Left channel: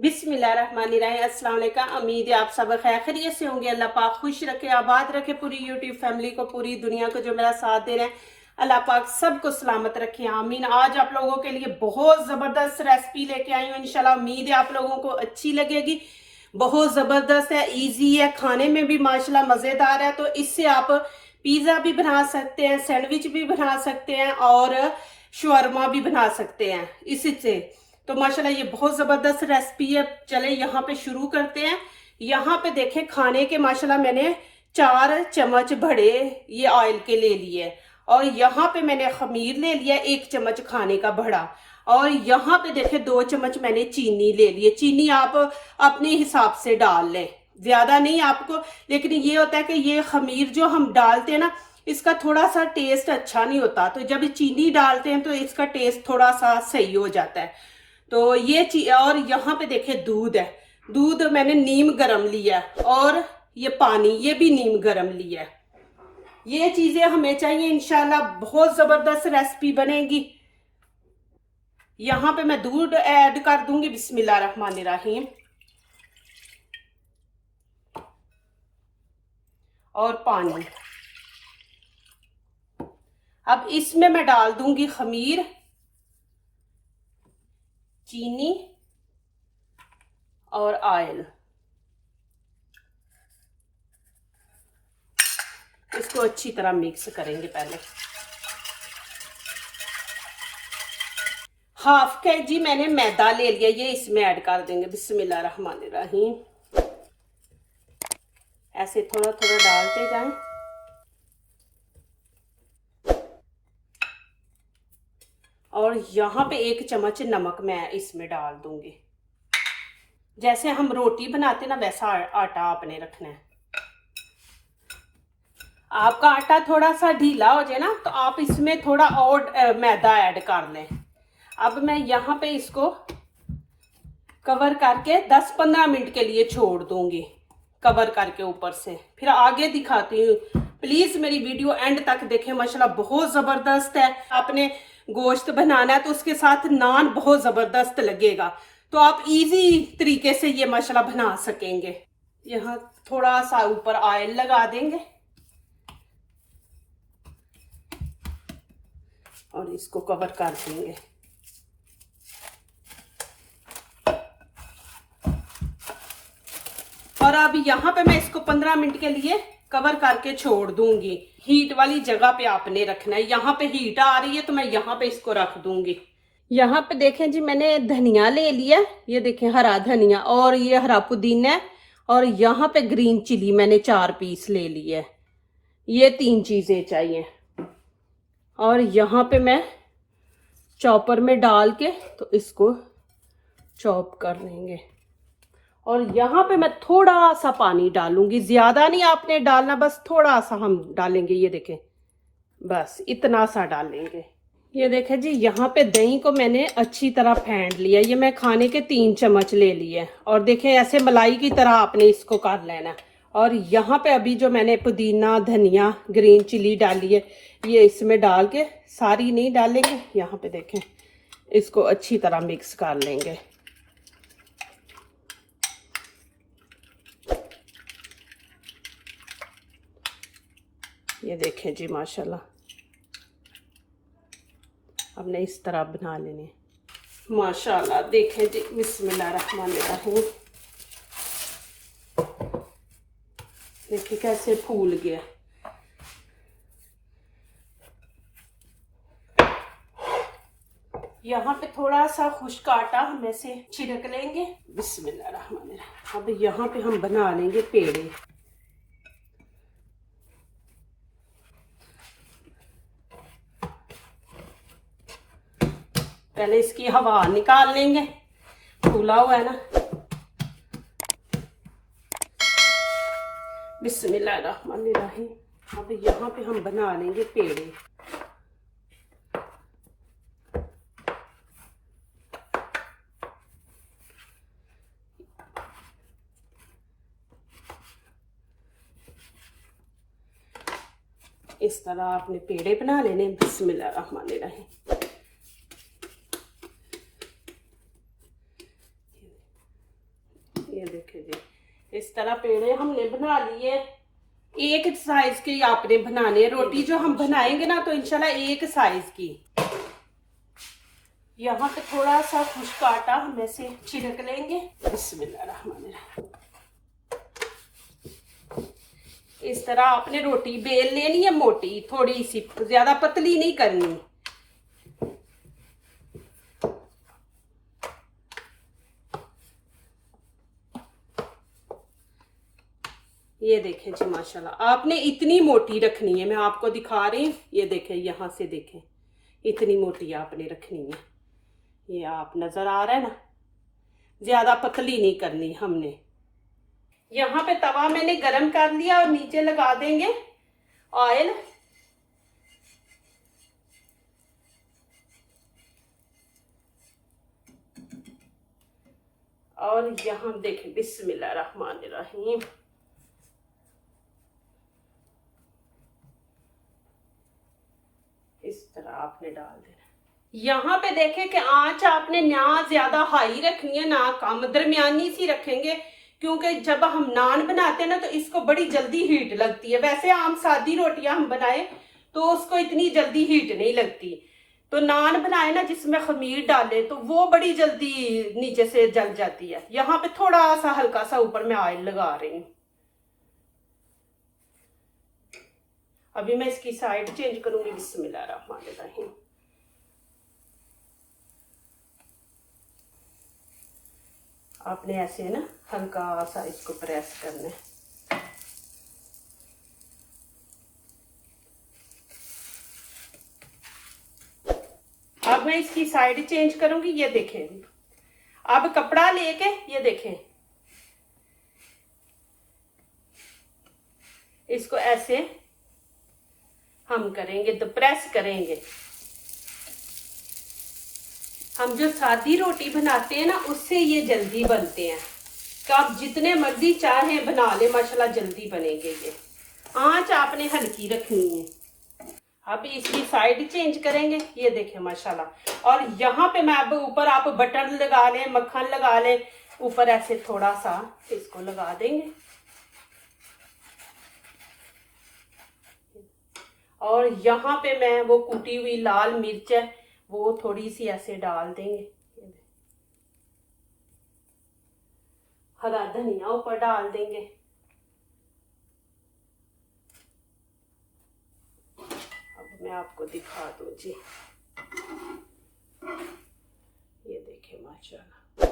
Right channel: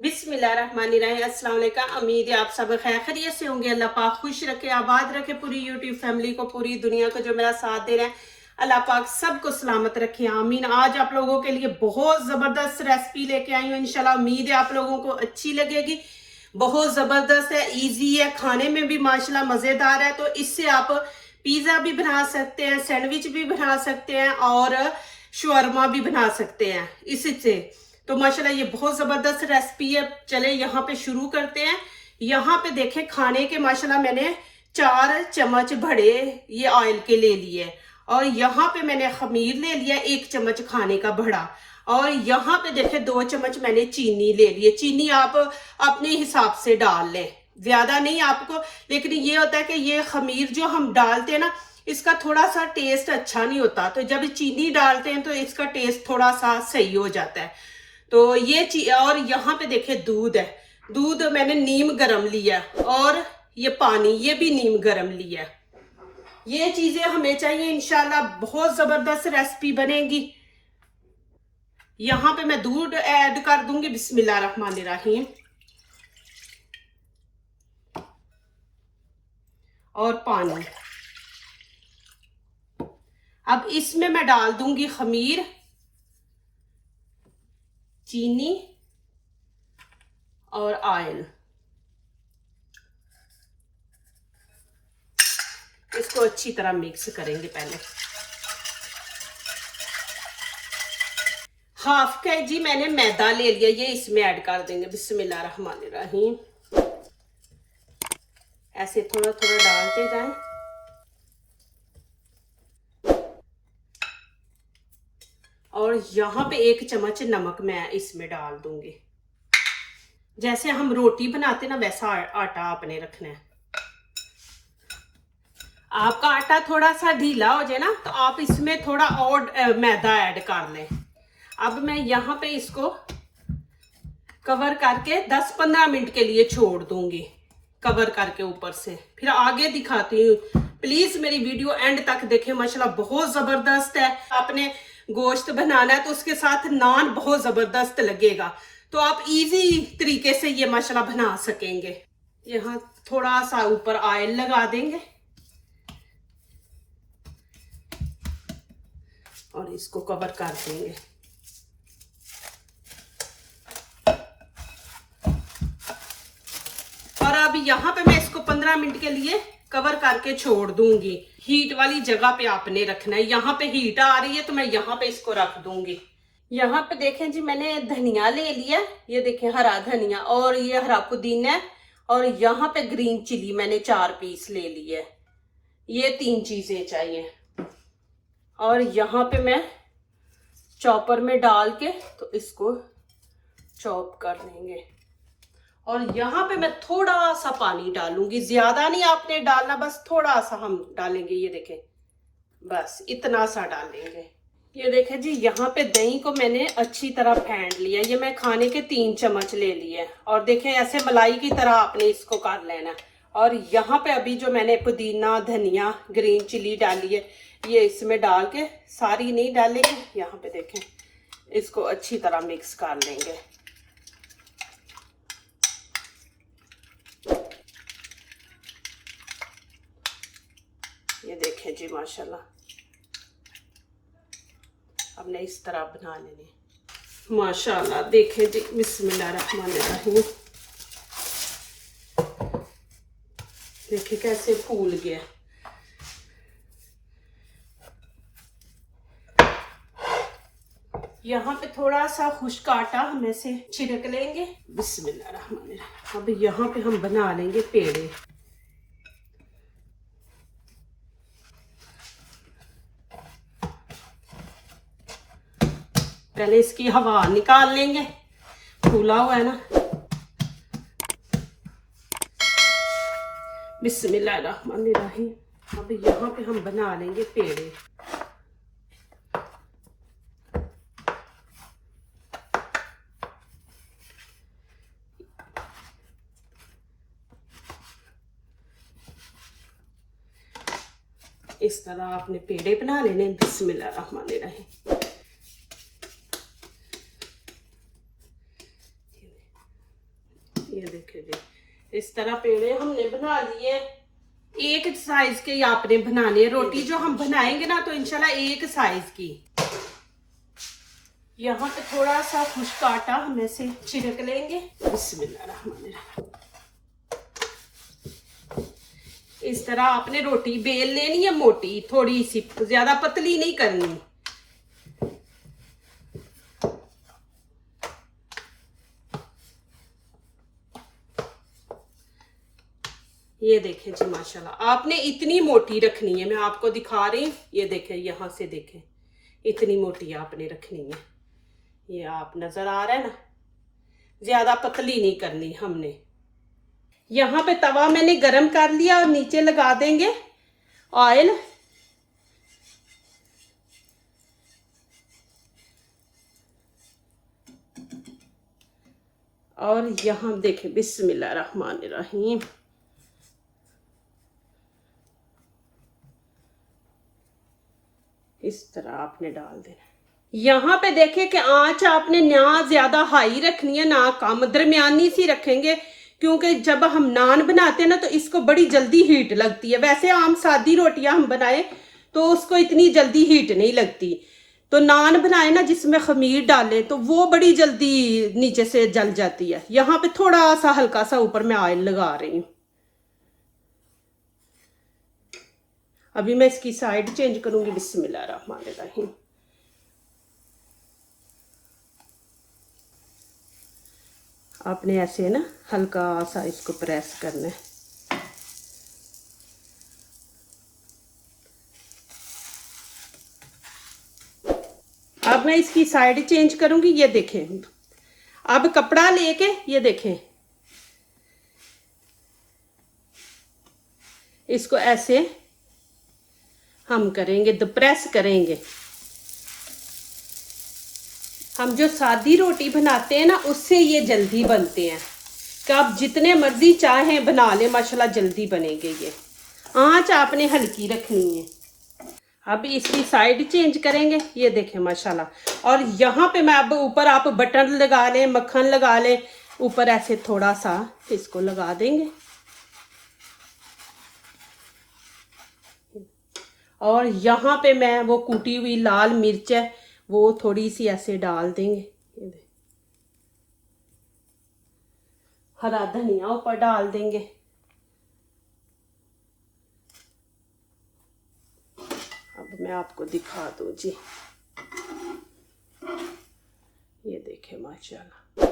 बिस्मिल्लाहिर्रहमानिर्रहीम। अस्सलाम वालेकुम। उम्मीद है आप सब खैर खैरियत से होंगे। अल्लाह पाक खुश रखे, आबाद रखे पूरी यूट्यूब फैमिली को, पूरी दुनिया को जो मेरा साथ दे रहे हैं। अल्लाह पाक सबको सलामत रखे, आमीन। आज आप लोगों के लिए बहुत ज़बरदस्त रेसिपी लेके आई हूँ। इंशाल्लाह उम्मीद है आप लोगों को अच्छी लगेगी। बहुत ज़बरदस्त है, ईजी है, खाने में भी माशाल्लाह मज़ेदार है। तो इससे आप पिज़्ज़ा भी बना सकते हैं, सैंडविच भी बना सकते हैं और शवरमा भी बना सकते हैं इससे। तो माशाल्लाह ये बहुत ज़बरदस्त रेसिपी है। चले यहाँ पे शुरू करते हैं। यहाँ पे देखें खाने के माशाल्लाह मैंने 4 चम्मच बड़े ये ऑयल के ले लिए और यहाँ पे मैंने खमीर ले लिया 1 चम्मच खाने का बड़ा। और यहाँ पे देखें 2 चम्मच मैंने चीनी ले लिए। चीनी आप अपने हिसाब से डाल लें, ज्यादा नहीं आपको। लेकिन ये होता है कि ये खमीर जो हम डालते हैं ना, इसका थोड़ा सा टेस्ट अच्छा नहीं होता, तो जब चीनी डालते हैं तो इसका टेस्ट थोड़ा सा सही हो जाता है। तो ये चीज। और यहाँ पे देखिए दूध है, दूध मैंने नीम गरम लिया और ये पानी ये भी नीम गरम लिया। ये चीजें हमें चाहिए, इंशाल्लाह बहुत जबरदस्त रेसिपी बनेगी। यहाँ पे मैं दूध ऐड कर दूंगी। बिस्मिल्लाहिर्रहमानिर्रहीम। और पानी। अब इसमें मैं डाल दूंगी खमीर, चीनी और ऑयल। इसको अच्छी तरह मिक्स करेंगे। पहले 1/2 kg मैंने मैदा ले लिया, ये इसमें ऐड कर देंगे। बिस्मिल्लाहिर्रहमानिर्रहीम। ऐसे थोड़ा थोड़ा डालते जाएं। और यहाँ पे 1 चम्मच नमक मैं इसमें डाल दूंगी। जैसे हम रोटी बनाते ना वैसा आटा आपने रखना है। आपका आटा थोड़ा सा ढीला हो जाए ना तो आप इसमें थोड़ा और मैदा ऐड कर लें। अब मैं यहाँ पे इसको कवर करके 10-15 मिनट के लिए छोड़ दूंगी, कवर करके ऊपर से। फिर आगे दिखाती हूँ। प्लीज मेरी वीडियो एंड तक देखें, माशाल्लाह बहुत जबरदस्त है। आपने गोश्त बनाना है तो उसके साथ नान बहुत जबरदस्त लगेगा, तो आप इजी तरीके से ये माशाल्लाह बना सकेंगे। यहाँ थोड़ा सा ऊपर ऑयल लगा देंगे और इसको कवर कर देंगे। और अब यहाँ पे मैं इसको 15 मिनट के लिए कवर करके छोड़ दूंगी। हीट वाली जगह पे आपने रखना है। यहाँ पे हीट आ रही है तो मैं यहाँ पे इसको रख दूंगी। यहाँ पे देखें जी, मैंने धनिया ले लिया, ये देखें हरा धनिया, और ये हरा पुदीना है, और यहाँ पे ग्रीन चिली मैंने 4 पीस ले लिए। ये 3 चीजें चाहिए। और यहाँ पे मैं चॉपर में डाल के तो इसको चॉप कर लेंगे। और यहाँ पे मैं थोड़ा सा पानी डालूंगी, ज्यादा नहीं आपने डालना, बस थोड़ा सा हम डालेंगे। ये देखें, बस इतना सा डालेंगे। ये देखें जी, यहाँ पे दही को मैंने अच्छी तरह फेंट लिया। ये मैं खाने के 3 चम्मच ले लिए। और देखें ऐसे मलाई की तरह आपने इसको कर लेना। और यहाँ पे अभी जो मैंने पुदीना, धनिया, ग्रीन चिली डाली है, ये इसमें डाल के, सारी नहीं डालेंगे। यहाँ पे देखें, इसको अच्छी तरह मिक्स कर लेंगे। ये देखें जी, माशाल्लाह हमने इस तरह बना लेने। माशाल्लाह देखें जी, बिस्मिल्लाहिर्रहमानिर्रहीम। देखिए कैसे फूल गया। यहाँ पे थोड़ा सा खुश्क आटा हम ऐसे छिड़क लेंगे। बिस्मिल्लाहिर्रहमानिर्रहीम। अब यहाँ पे हम बना लेंगे पेड़े। पहले इसकी हवा निकाल लेंगे, फूला हुआ है ना। बिस्मिल्लाहिर्रहमानिर्रहीम। अब यहाँ पे हम बना लेंगे पेड़े। इस तरह आपने पेड़े बना लेने। बिस्मिल्लाहिर्रहमानिर्रहीम। ये देखिए जी, इस तरह पेड़े हमने बना लिए। एक साइज के आपने बनाने हैं। रोटी जो हम बनाएंगे ना तो इंशाल्लाह एक साइज की। यहाँ पे थोड़ा सा खुश्क आटा हम ऐसे छिड़क लेंगे। बिस्मिल्लाहिर्रहमानिर्रहीम। इस तरह आपने रोटी बेल लेनी है, मोटी थोड़ी सी, ज्यादा पतली नहीं करनी। ये देखें जी माशाल्लाह, आपने इतनी मोटी रखनी है, मैं आपको दिखा रही हूँ। ये देखें, यहाँ से देखें, इतनी मोटी आपने रखनी है। ये आप नजर आ रहा है ना, ज्यादा पतली नहीं करनी हमने। यहाँ पे तवा मैंने गरम कर लिया और नीचे लगा देंगे ऑयल। और यहाँ देखें, बिस्मिल्लाहिर्रहमानिर्रहीम। इस तरह आपने डाल देना। यहाँ पे देखें कि आंच आपने ना ज्यादा हाई रखनी है ना कम, दरमियानी सी रखेंगे, क्योंकि जब हम नान बनाते हैं ना तो इसको बड़ी जल्दी हीट लगती है। वैसे आम सादी रोटियां हम बनाए तो उसको इतनी जल्दी हीट नहीं लगती, तो नान बनाए ना जिसमें खमीर डालें तो वो बड़ी जल्दी नीचे से जल जाती है। यहाँ पे थोड़ा सा हल्का सा ऊपर मैं ऑयल लगा रही हूँ। अभी मैं इसकी साइड चेंज करूंगी। बिस्मिल्लाहिर्रहमानिर्रहीम। आपने ऐसे ना हल्का सा इसको प्रेस करना है। अब मैं इसकी साइड चेंज करूंगी। ये देखें, अब कपड़ा लेके ये देखें, इसको ऐसे हम करेंगे, तो प्रेस करेंगे। हम जो सादी रोटी बनाते हैं ना उससे ये जल्दी बनते हैं, कि आप जितने मर्जी चाहें बना लें, माशाल्लाह जल्दी बनेंगे। ये आंच आपने हल्की रखनी है। अब इसकी साइड चेंज करेंगे। ये देखें माशाल्लाह। और यहाँ पे मैं अब ऊपर आप बटर लगा लें, मक्खन लगा लें, ऊपर ऐसे थोड़ा सा इसको लगा देंगे। और यहाँ पे मैं वो कूटी हुई लाल मिर्च है वो थोड़ी सी ऐसे डाल देंगे। हरा धनिया ऊपर डाल देंगे। अब मैं आपको दिखा दूं जी, ये देखें माशाल्लाह,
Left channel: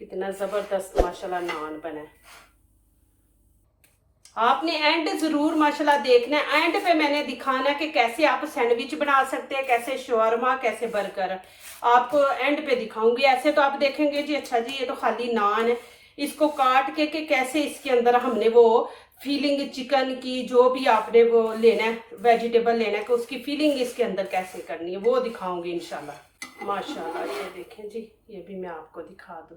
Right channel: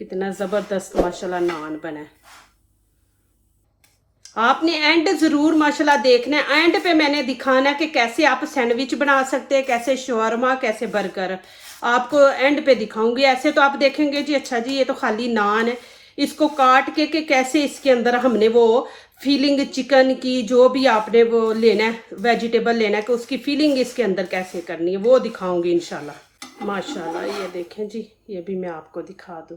कितना जबरदस्त माशाल्लाह नान बना है। आपने एंड जरूर माशाल्लाह देखना है। एंड पे मैंने दिखाना है कि कैसे आप सैंडविच बना सकते हैं, कैसे शवारमा, कैसे बर्गर, आपको एंड पे दिखाऊंगी। ऐसे तो आप देखेंगे जी अच्छा जी ये तो खाली नान है, इसको काट के कैसे इसके अंदर हमने वो फीलिंग चिकन की जो भी आपने वो लेना है, वेजिटेबल लेना है, कि उसकी फीलिंग इसके अंदर कैसे करनी है वो दिखाऊंगी इंशाल्लाह। माशाल्लाह ये देखें जी, ये भी मैं आपको दिखा दूं,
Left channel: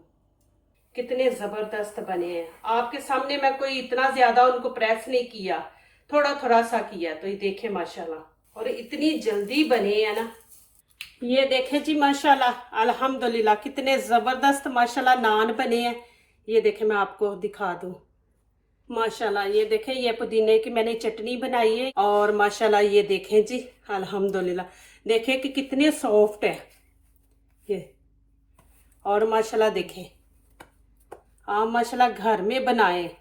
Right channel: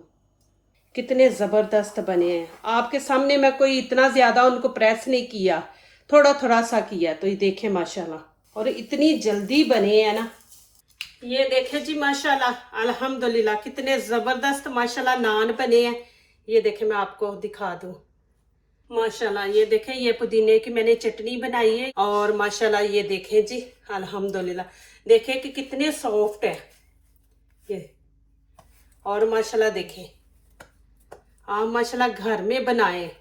कितने जबरदस्त बने हैं। आपके सामने मैं कोई इतना ज्यादा उनको प्रेस नहीं किया, थोड़ा थोड़ा सा किया, तो ये देखें माशाल्लाह, और इतनी जल्दी बने हैं ना। ये देखें जी माशाल्लाह, अल्हम्दुलिल्लाह, कितने जबरदस्त माशाल्लाह नान बने हैं। ये देखें, मैं आपको दिखा दूं माशाल्लाह। ये देखें, ये पुदीने की मैंने चटनी बनाई है, और माशाल्लाह ये देखें जी, अल्हम्दुलिल्लाह, देखें कि कितने सॉफ्ट है ये। और माशाल्लाह देखें, आप माशाल्लाह घर में बनाए,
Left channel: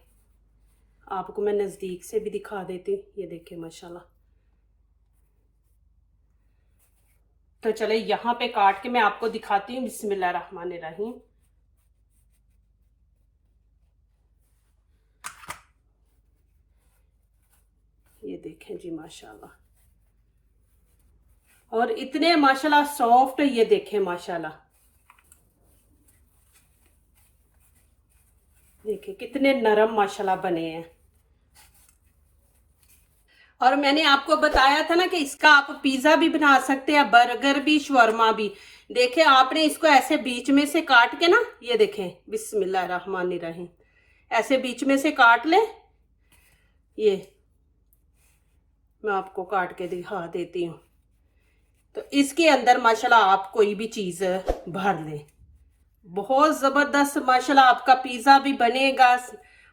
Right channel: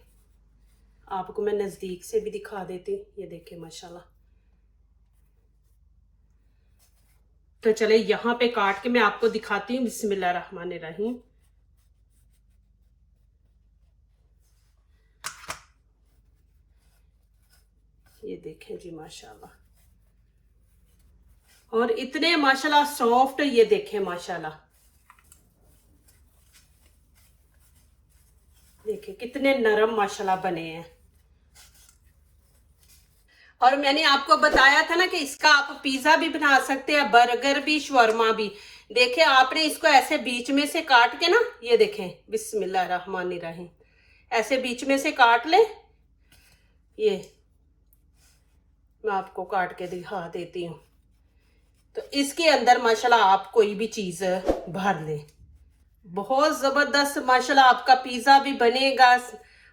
आपको मैं नजदीक से भी दिखा देती हूँ। ये देखें माशाल्लाह। तो चले यहाँ पे काट के मैं आपको दिखाती हूँ। बिस्मिल्लाहिर्रहमानिर्रहीम। ये देखें जी माशाल्लाह, और इतने माशाल्लाह सॉफ्ट, ये देखें माशाल्लाह, देखिए कितने नरम माशाल्लाह बने हैं। और मैंने आपको बताया था ना कि इसका आप पिज्जा भी बना सकते हैं, बर्गर भी, शवर्मा भी। देखें, आपने इसको ऐसे बीच में से काट के ना, ये देखें, बिस्मिल्लाहिर्रहमानिर्रहीम, ऐसे बीच में से काट ले। ये मैं आपको काट के दिखा देती हूँ। तो इसके अंदर माशाल्लाह आप कोई भी चीज भर लें, बहुत जबरदस्त माशाल्लाह आपका पिज्जा भी बनेगा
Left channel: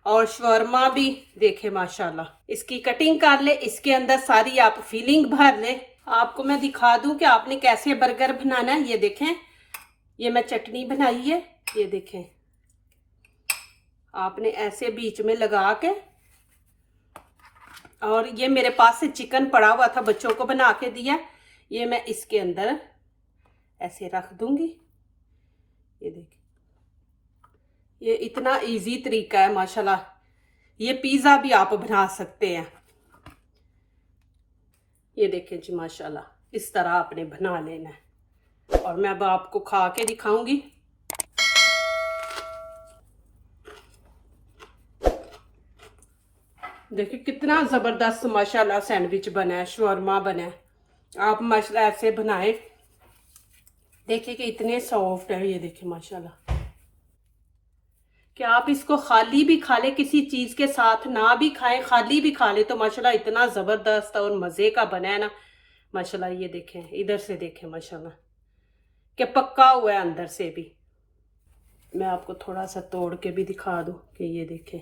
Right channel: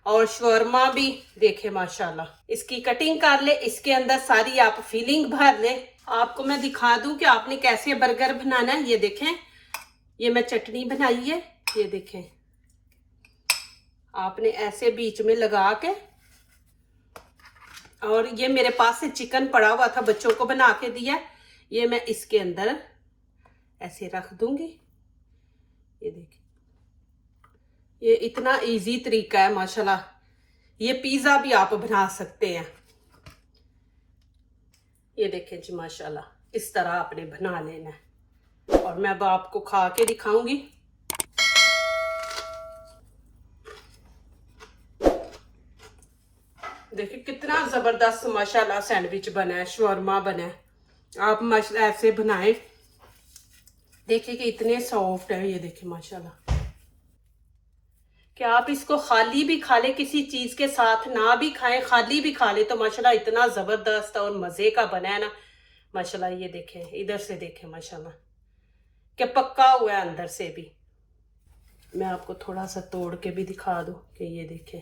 और शवरमा भी। देखे माशाल्लाह इसकी कटिंग कर ले, इसके अंदर सारी आप फीलिंग भर ले। आपको मैं दिखा दूं कि आपने कैसे बर्गर बनाना है। ये देखें, ये मैं चटनी बनाई है, ये देखें आपने ऐसे बीच में लगा के, और ये मेरे पास से चिकन पड़ा हुआ था, बच्चों को बना के दिया, ये मैं इसके अंदर ऐसे रख दूंगी। ये देखिए, ये इतना इजी तरीका है माशाल्लाह। ये पिज्जा भी आप बना सकते हैं। ये देखें जी माशाल्लाह, इस तरह आपने बना लेना है और मैं अब आपको खा के दिखाऊंगी। देखिए कितना जबरदस्त माशाल्लाह सैंडविच बना है, शवरमा बना है। आप माशाल्लाह ऐसे बनाए, देखिए कि इतने सॉफ्ट है। ये देखिए माशाल्लाह, कि आप इसको खाली भी खा ले, किसी चीज के साथ ना भी खाएं, खाली भी खा ले तो माशाल्लाह इतना जबरदस्त और मजे का बना है ना माशाल्लाह। ये देखें, इधर से देखें माशाल्लाह कि पक्का हुआ है अंदर से भी। मैं आपको थोड़ा सा तोड़ के भी दिखा दूं कि ये देखें,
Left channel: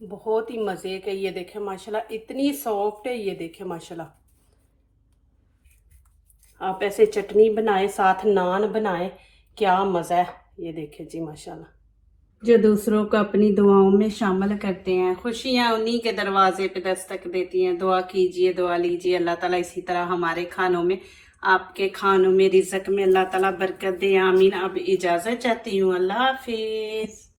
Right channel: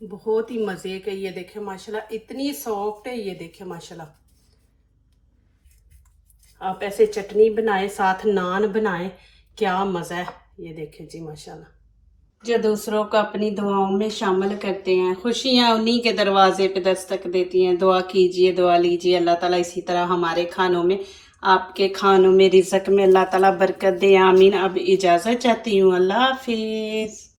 बहुत ही मजे के। ये देखें माशाल्लाह इतनी सॉफ्ट है। ये देखें माशाल्लाह, आप ऐसे चटनी बनाए, साथ नान बनाए, क्या मजा है। ये देखें जी माशाल्लाह। जो दूसरों को अपनी दुआओं में शामिल करते हैं, खुशियां उन्हीं के दरवाजे पे दस्तक देती हैं। दुआ कीजिए, दुआ लीजिए, अल्लाह ताला इसी तरह हमारे खानों में, आपके खानों में, रिज़्क में अल्लाह ताला बरकत दे। आमीन। अब इजाज़त चाहती हूँ, अल्लाह हाफिज़।